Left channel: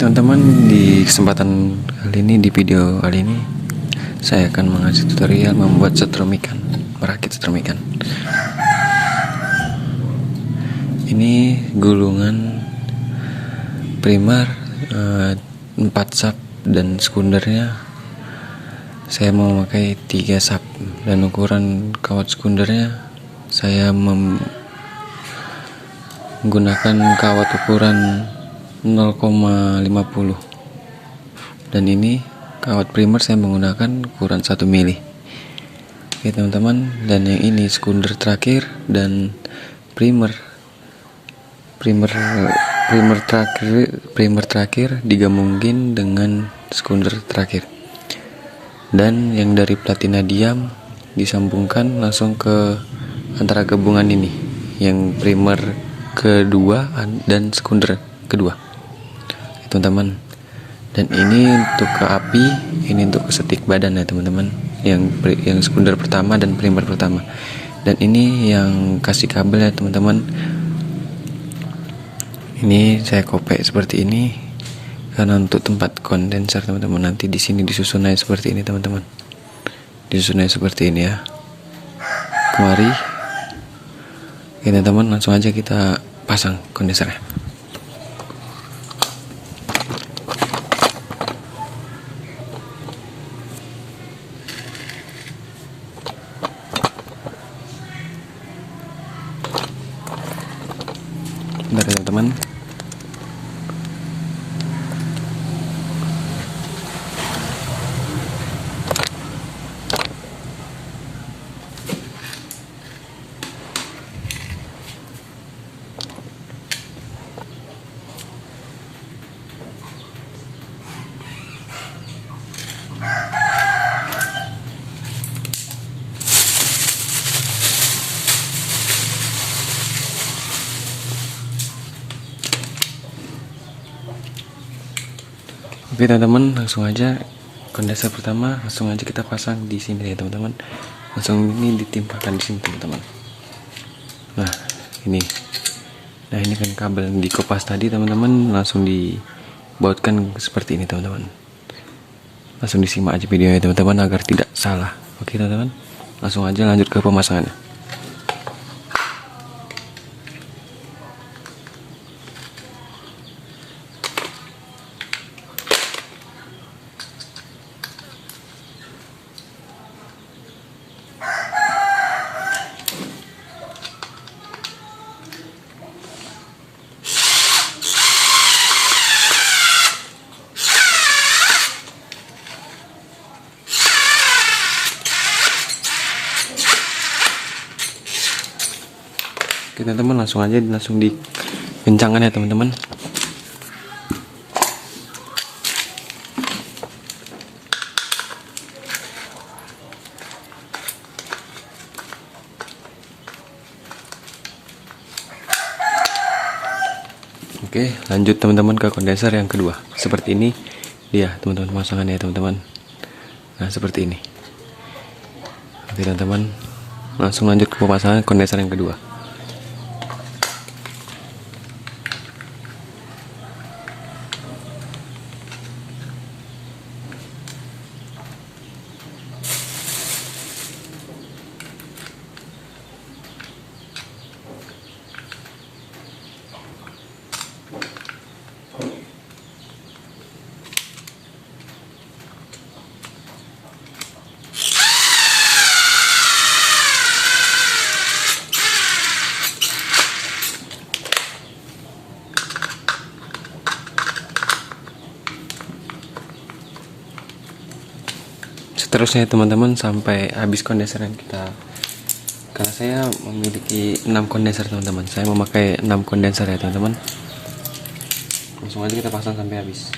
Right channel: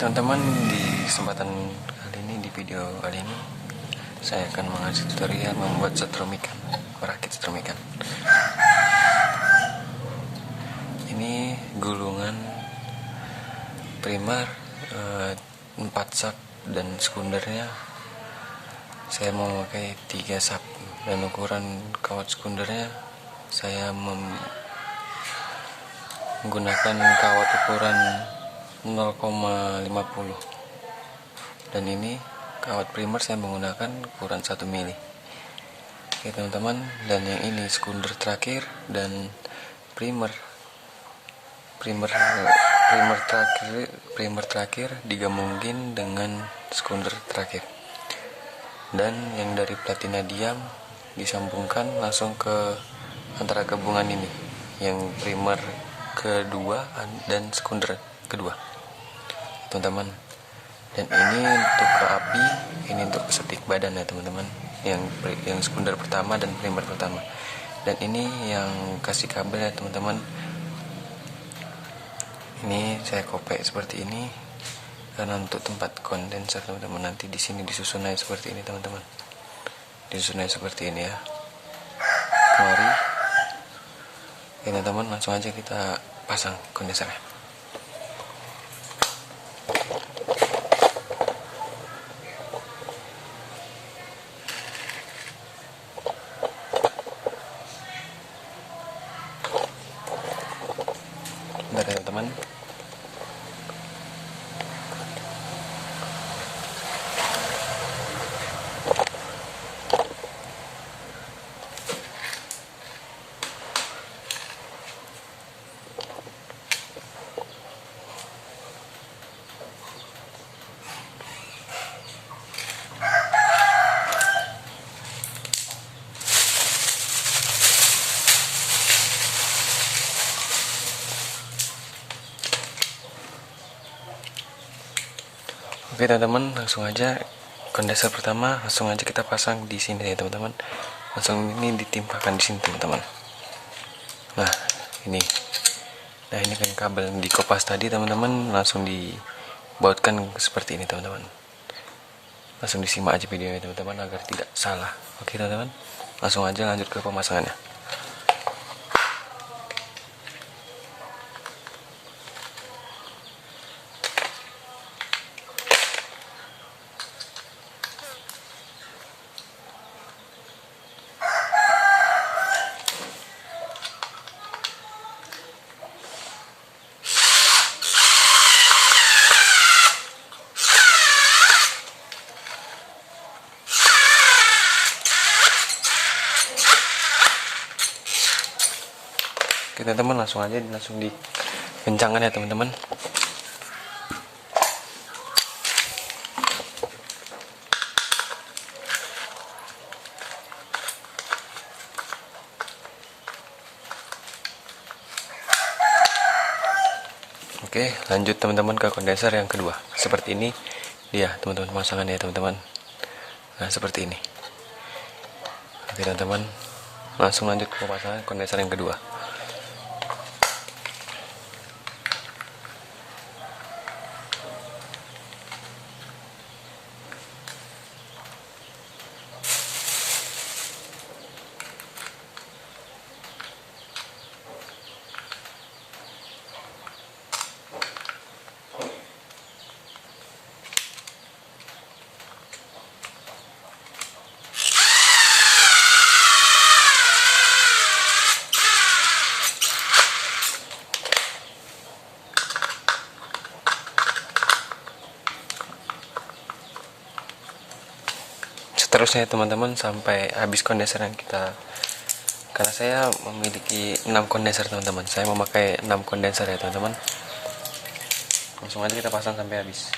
teman-teman, di kesempatan kali ini, di video kali ini saya akan mengasih tutorial membuat setrum ikan, merakit setrum ikan. Ini gulungan primer 4 sap dan sekundernya saya mau memakai 3 sap, dan ukuran kawat sekundernya saya menggunakan kawat ukuran 0,50, dan ini kawat primer saya menggunakan ukuran 1 mili. Oke teman-teman, dan yang ini sekunder terakhir dan primer terakhir digabungin dengan sekunder terakhir, dan yang dari platina diam disambungkan langsung ke antara gabungan ini, yang primer kedua dan sekunder kedua teman-teman. Dan ini untuk ke api, ini untuk ke setik badan ya teman-teman, yang sekunder pertama dan primer pertama. Dan ini yang kasih kabel ya teman-teman, ini saya kopek seperti ini karena untuk tempat kondenser teman-teman. Nanti di sini disusun aja seperti ini teman-teman, disusun aja seperti ini ya, kemari. Oke teman-teman, langsung aja kita pasang kondensernya. Bentar ya teman-teman. Oke teman-teman, langsung aja kondenser pertama langsung aja kita pasang di sini ya teman-teman. Langsung ini ditimpakan di sini teman-teman. Nah ini kan kabel yang dikopas tadi teman-teman, langsung dibautkan seperti ini teman-teman. Langsung disimak aja videonya teman-teman agar tidak salah. Oke teman-teman, langsung aja lanjut ke pemasangannya. Oke teman-teman, langsung dikencangkan ya teman-teman. Oke, lanjut teman-teman ke kondenser yang kedua. Seperti ini dia teman-teman pemasangannya ya teman-teman. Nah seperti ini. Oke teman-teman, langsung lanjut ke pemasangan kondenser yang kedua. Seterusnya teman-teman sampai habis kondenseran kita, karena saya memiliki 6 kondenser teman-teman, saya memakai 6 kondenser ya teman-teman. Langsung aja kita pasang sampai habis.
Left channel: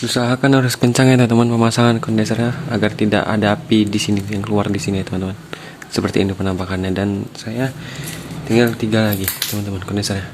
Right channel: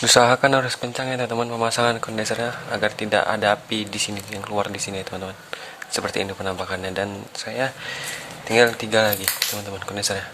Usahakan harus kencang ya teman-teman pemasangan kondensernya agar tidak ada api di sini yang keluar di sini ya teman-teman. Seperti ini penampakannya, dan saya tinggal 3 lagi teman-teman kondensernya.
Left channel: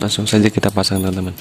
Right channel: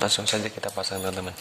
Langsung saja kita pasang teman-teman.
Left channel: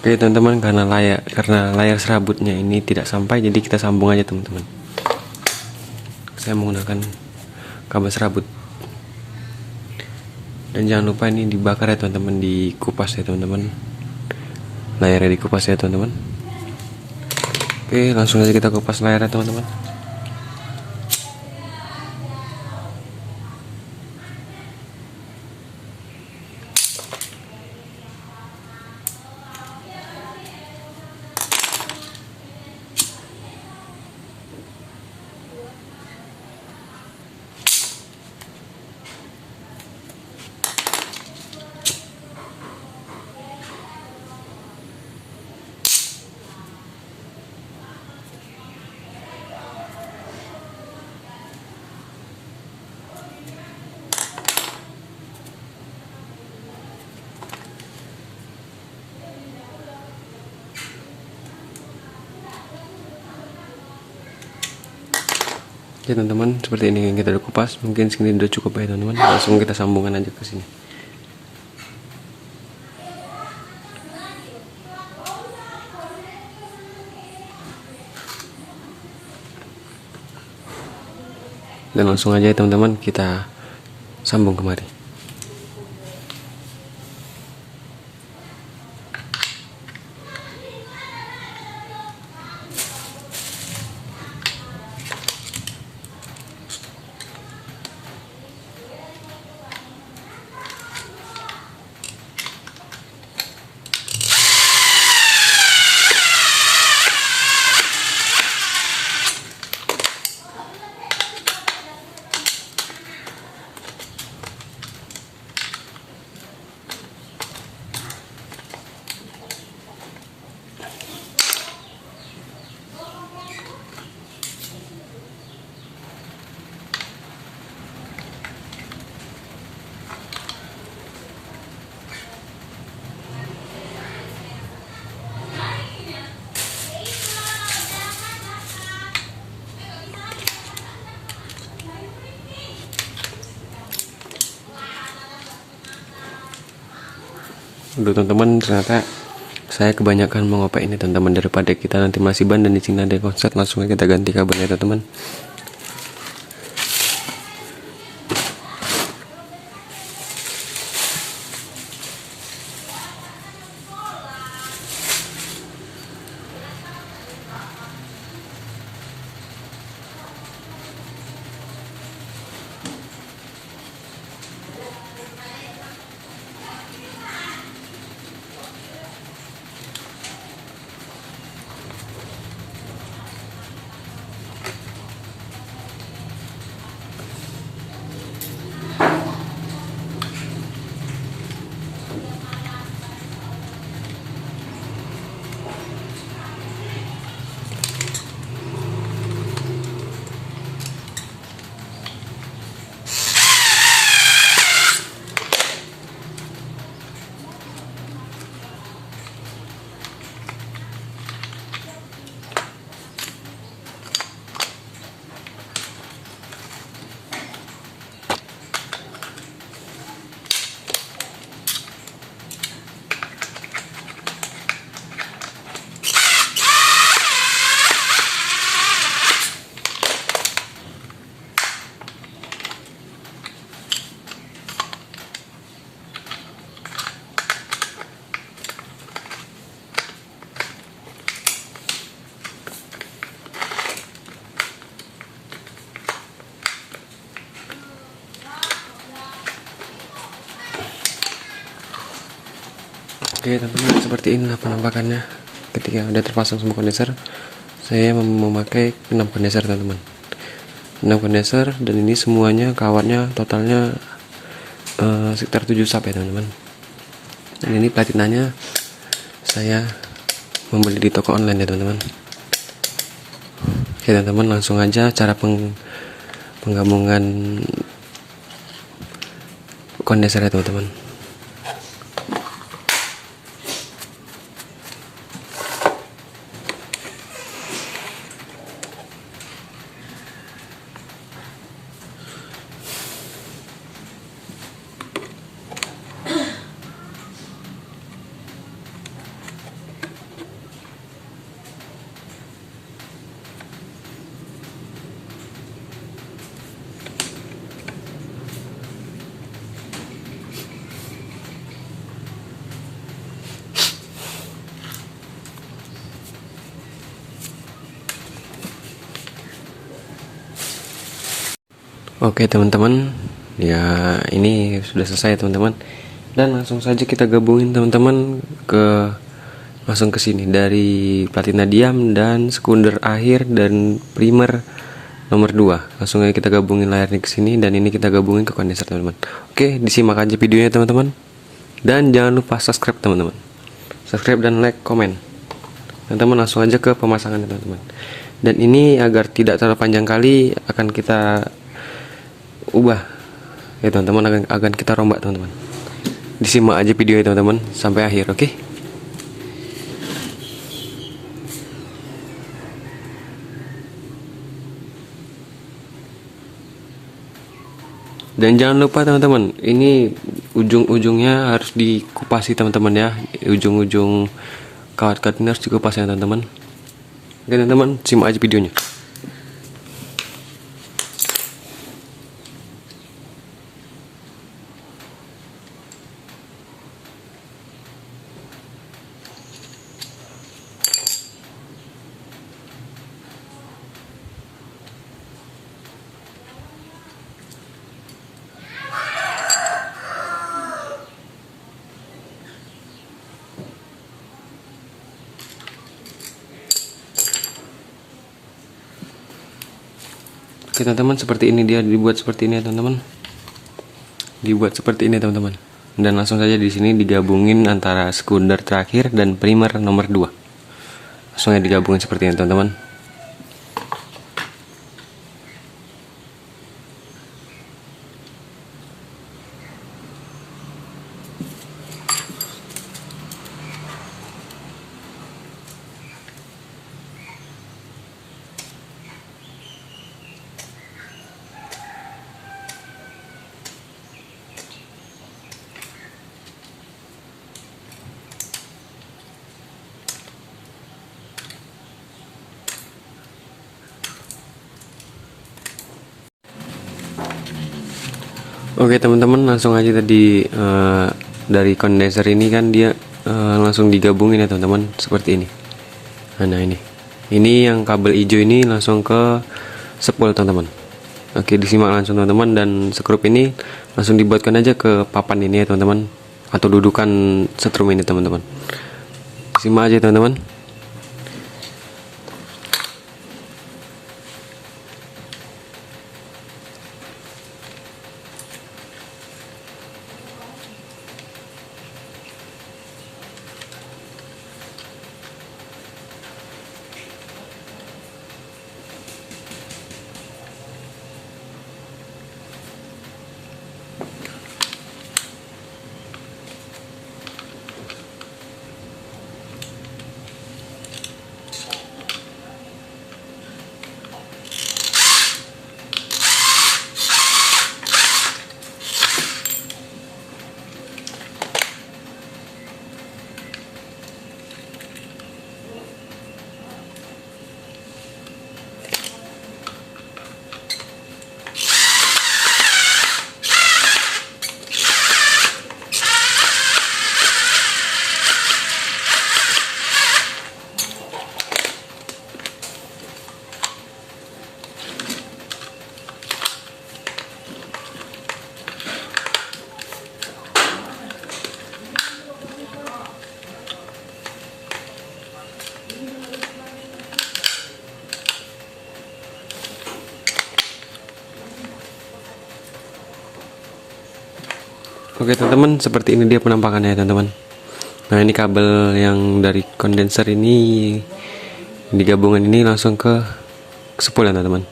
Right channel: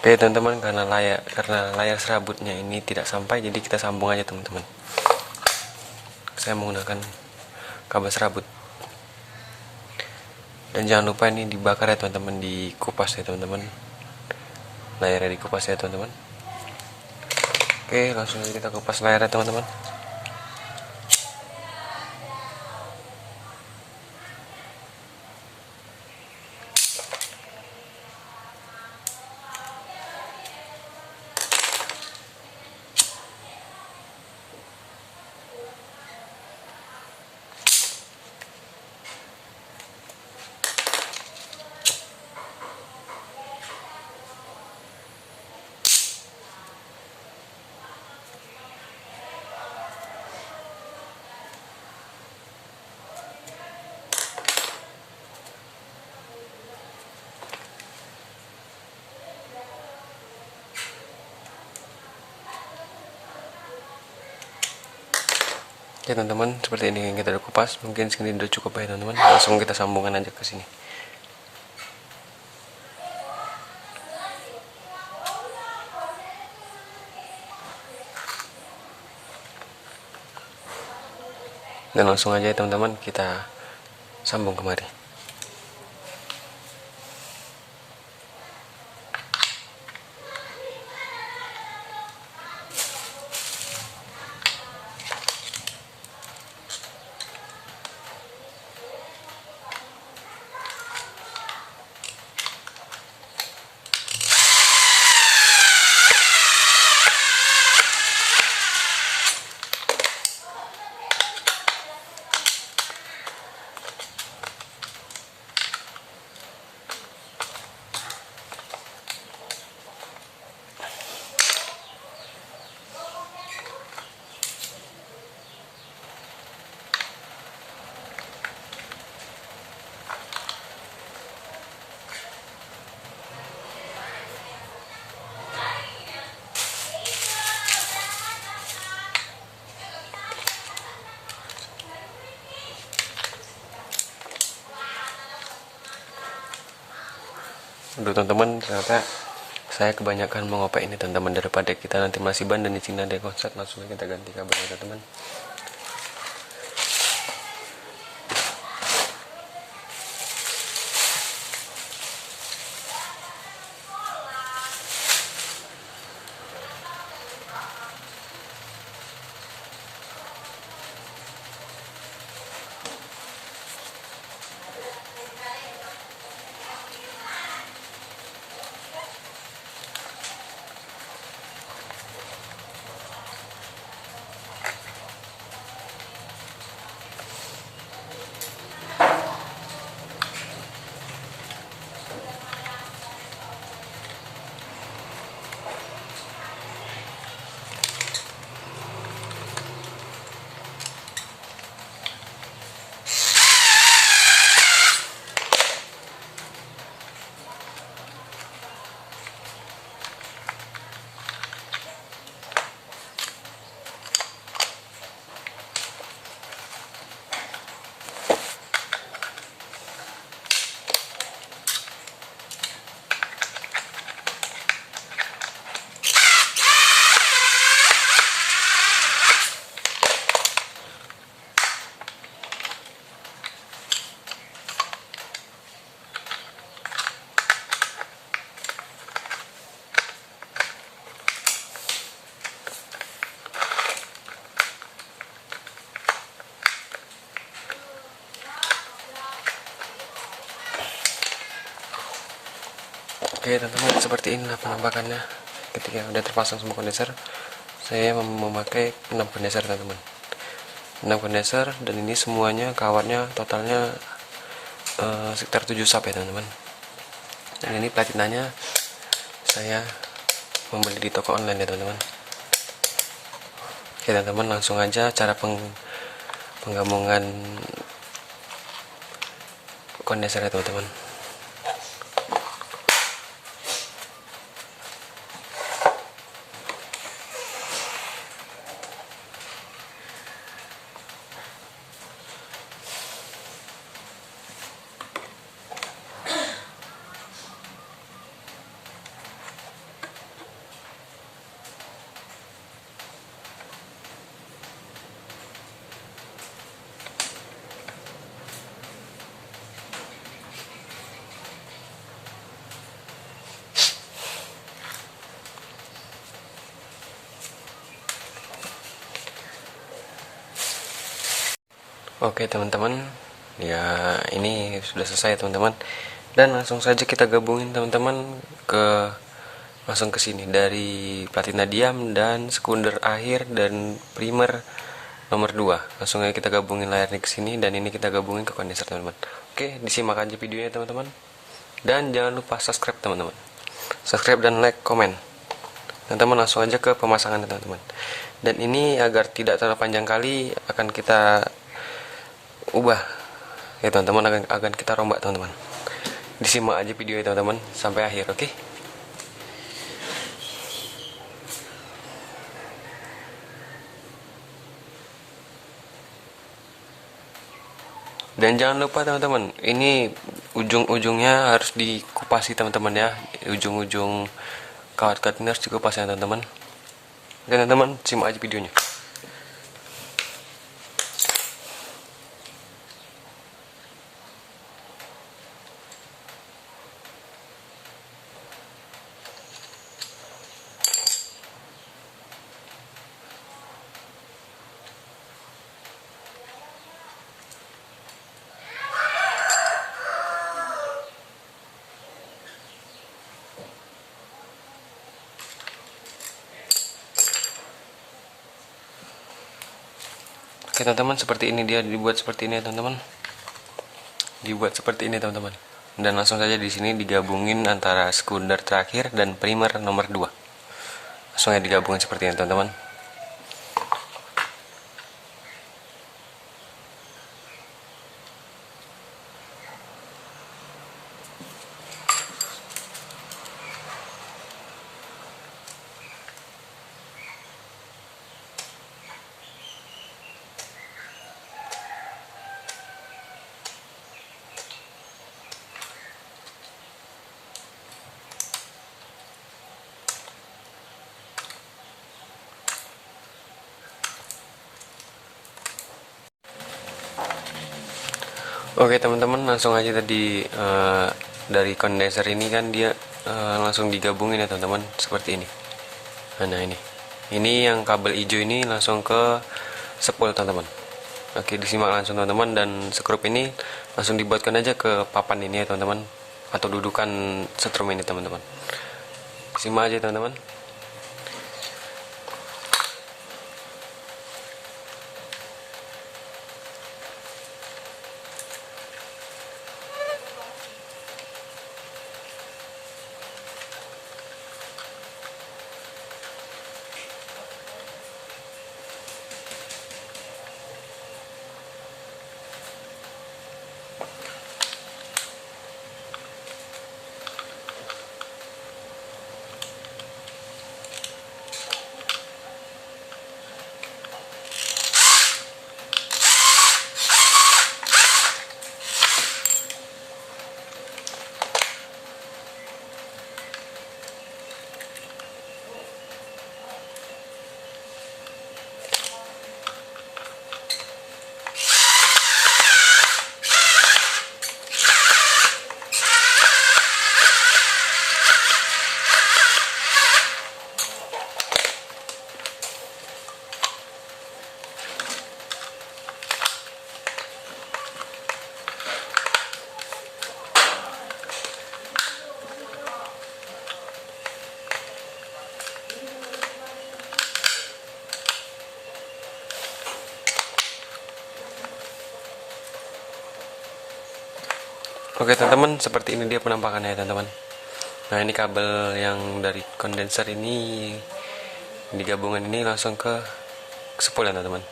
Oke teman-teman, karena layar serabutnya ini tidak sampai, jadi kita sambung aja teman-teman. Saya menggunakan kabel serabut. Dan jangan lupa ini dibakar ya teman-teman, dikupas ya teman-teman. Layarnya dikupas ya teman-teman. Oke, langsung aja kita kupas layarnya teman-teman. Oke teman-teman, seperti ini kita udah kupas. Mungkin segini udah cukup ya teman-teman. Langsung kita sambungkan aja ke sini. Dan langsung aja ya teman-teman, kita sambung kemari. Untuk teman-teman, ternyata saya kebanyakan mengopek ini teman-teman, daripada kita nanti masih ban dan di sini ada konslet. Langsung kita ganti kabelnya teman-teman. Oke teman-teman, seperti inilah penampakannya ketika udah terpasang semua kondenser. Saya memakai 6 kondenser teman-teman, 6 kondenser, dan ini semuanya kawatnya totalnya sekitar 7 sub ya teman-teman. Dan ini platinanya saya membeli di toko online ya teman-teman. Oke teman-teman, langsung aja cara penggabungan kondenser ya teman-teman. Oke teman-teman, ya ini sudah selesai teman-teman, dan langsung saja kita gabungin teman-teman langsung ke sini dari platina diam dan sekunder akhir dan primer nomor 2. Langsung aja kita gabungin layarnya ke sini, dan ini kita gabungin ke kondenser teman-teman. Oke, disimak aja videonya teman-teman, dan jangan lupa subscribe teman-teman, subscribe dan like, komen. Teman-teman langsung aja ke pemasangan teman-teman. Dan ini agar tidak terlalu panjang kali akan kita ubah ya teman-teman, akan kita rombak teman-teman. Disimak aja videonya teman-teman sampai akhir, oke? Dan jangan lupa teman-teman, ini ujung-ujungnya harus dikupasi teman-teman ya, ujung-ujung kawat-kawat ini harus dikupas ya teman-teman. Oke teman-teman, simak aja videonya. Oke teman-teman, seperti ini dia dibuat seperti ini ya teman-teman. Dibuat seperti ini teman-teman. Dan langsung saja di sini digabungin antara sekunder terakhir dan primer nomor 2. Langsung aja digabungin seperti ini teman-teman. Oke teman-teman, langsung aja tadi dari kondenser ini kan dia langsung digabungin ya teman-teman seperti ini. Nah ini yang kabel hijau ini langsung ke spool teman-teman. Oke, disimak langsung teman-teman, dan skrup ini langsung dibuatkan aja ke papan ini ya teman-teman, atau dudukan setrum ini teman-teman. Simak aja teman-teman. Oke teman-teman, seperti ini dia penampakannya teman-teman. Nah ini kabel yang dari kondenser ini digabungin ini langsung ke spool ya teman-teman.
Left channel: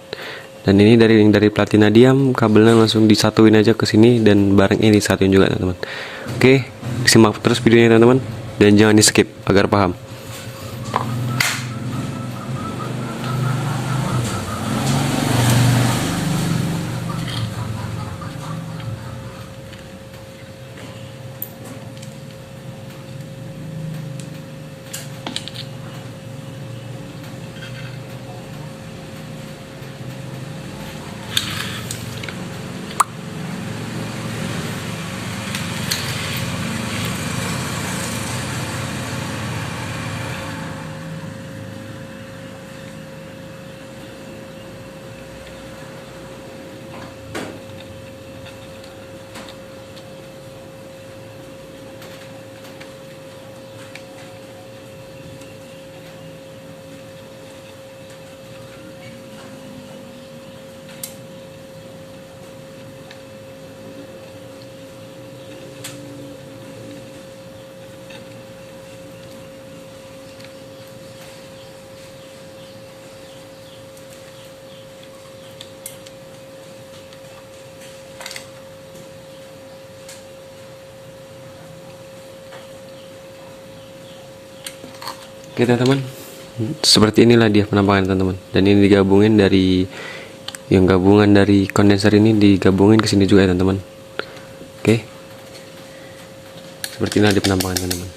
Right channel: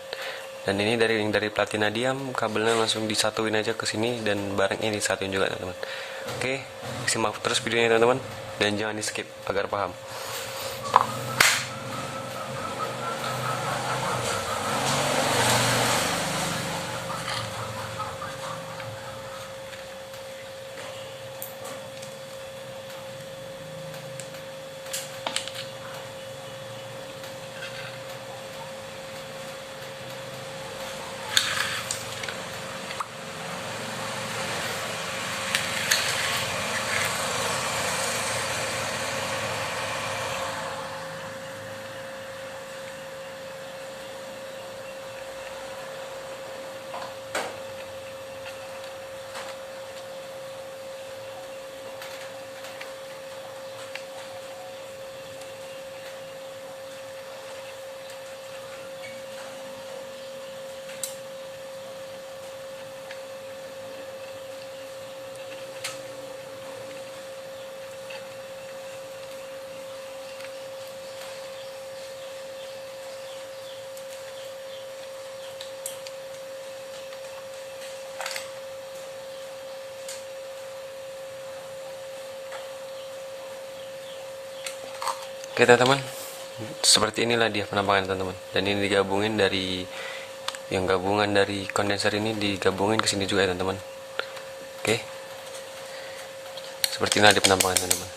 Dan ini dari platina diam, kabelnya langsung disatuin aja ke sini dan bareng ini disatuin juga teman-teman. Oke, simak terus videonya teman-teman dan jangan di skip agar paham. Oke teman-teman, seperti inilah dia penampakan teman-teman. Dan ini digabungin dari yang gabungan dari kondenser ini digabungin ke sini juga ya teman-teman. Oke, seperti inilah dia penampakan teman-teman.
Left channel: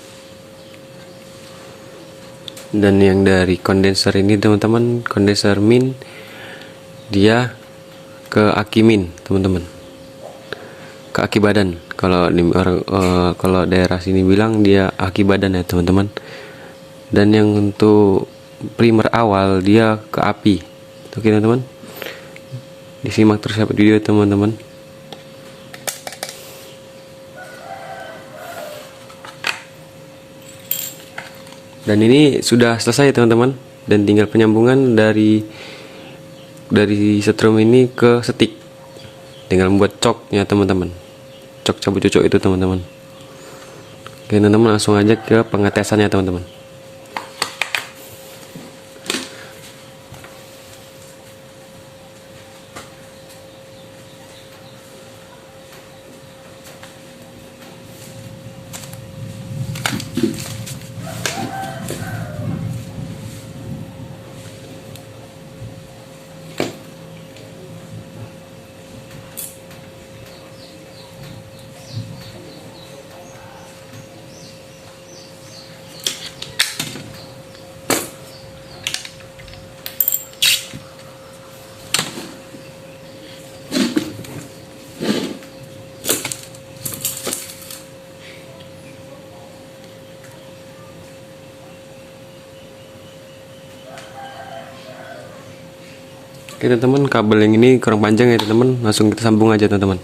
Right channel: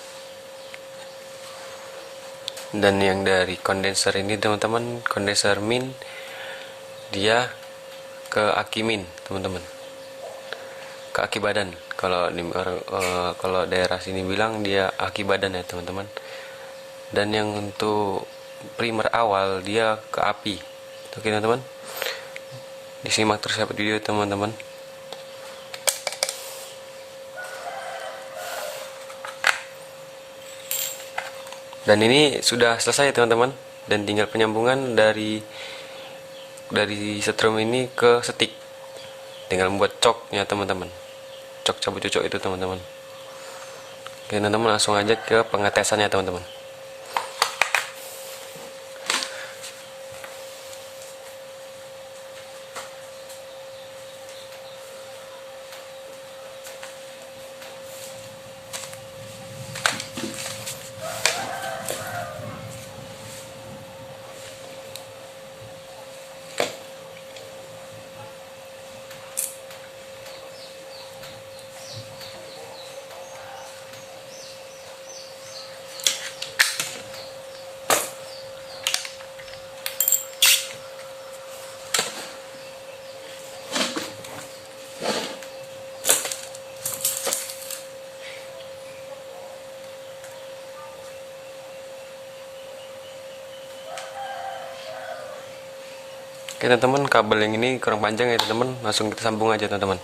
Dan yang dari kondenser ini teman-teman, kondenser min dia ke aki min teman-teman, ke aki badan. Kalau di kalau daerah sini bilang dia aki badan ya teman-teman. Dan yang untuk primer awal dia ke api. Oke teman-teman, disimak terus sampai video teman-teman. Dan ini sudah selesai teman-teman, dan tinggal penyambungan dari setrum ini ke setik. Tinggal membuat coknya teman-teman, cok cabut cucuk itu teman-teman. Oke teman-teman, langsung aja ke pengetesannya teman-teman. Oke teman-teman, kabel yang ini kurang panjang ya teman-teman, langsung kita sambung aja teman-teman.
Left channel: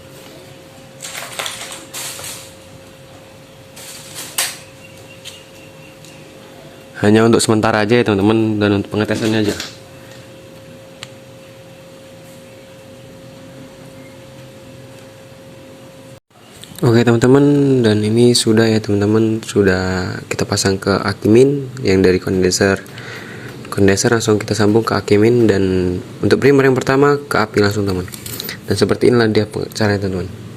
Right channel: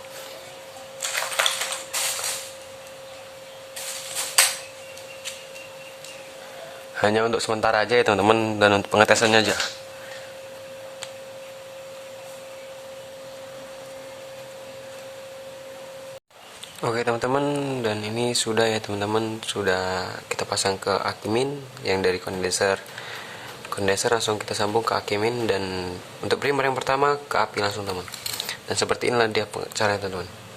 Hanya untuk sementara aja ya teman-teman, dan untuk pengetesannya aja. Oke teman-teman, dan ini sudah ya teman-teman, sudah kita pasang ke aki min yang dari kondenser langsung kita sambung ke aki min, dan untuk primer yang pertama ke api langsung teman. Dan seperti inilah dia caranya teman-teman.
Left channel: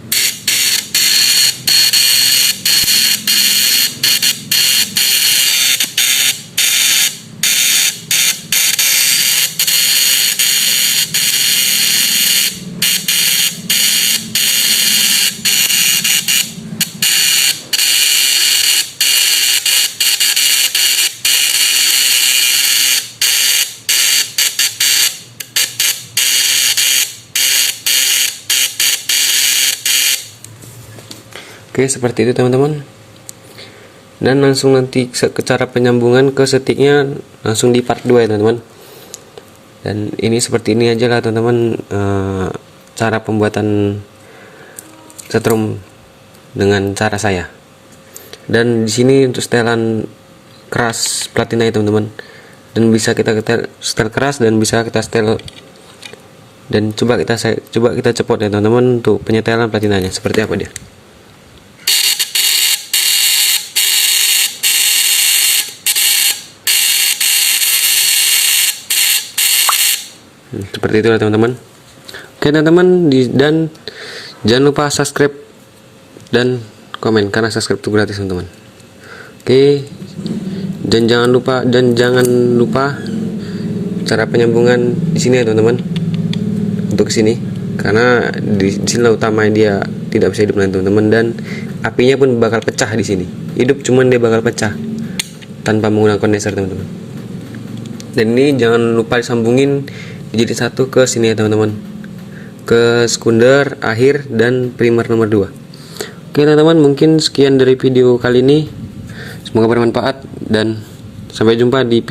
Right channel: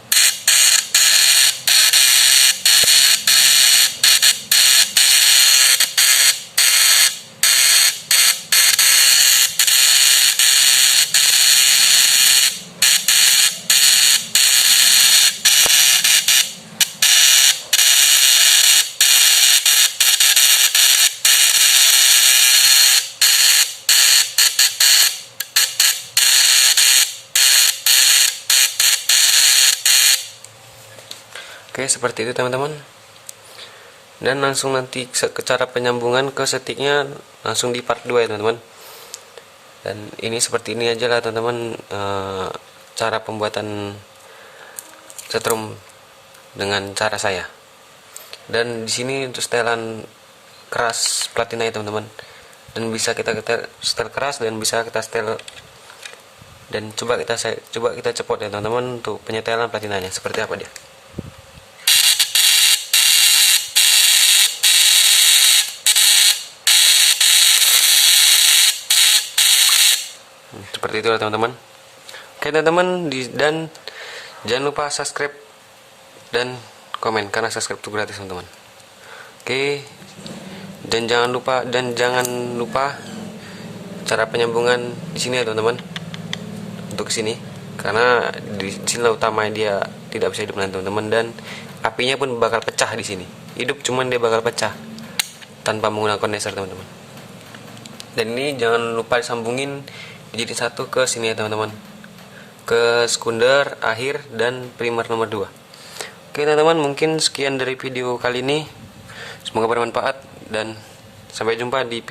Oke, seperti itu teman-teman. Dan langsung nanti ke cara penyambungan ke setiknya langsung di part 2 ya teman-teman. Dan ini seperti ini aja lah teman-teman, cara pembuatan setrum dengan cara saya. Dan di sini untuk setelan keras platina ya teman-teman. Dan bisa kita setel keras dan bisa kita setel, dan coba kita cepot ya teman-teman untuk penyetelan platinanya seperti apa dia. Seperti itu teman-teman. Oke teman-teman, dan jangan lupa subscribe dan komen, karena subscribe itu gratis teman-teman. Oke, dan jangan lupa cara penyambungan di sini ya teman-teman, untuk sini, karena di sini utama dia tidak bisa hidup nanti teman-teman, dan apinya pun bakal pecah di sini. Hidup cuman dia bakal pecah tanpa menggunakan kondenser teman-teman. Dan ini jangan lupa disambungin jadi satu ke sini ya teman-teman, ke sekunder, akhir, dan primer nomor 2. Oke teman-teman, mungkin sekian dari video kali ini. Semoga bermanfaat dan sampai jumpa di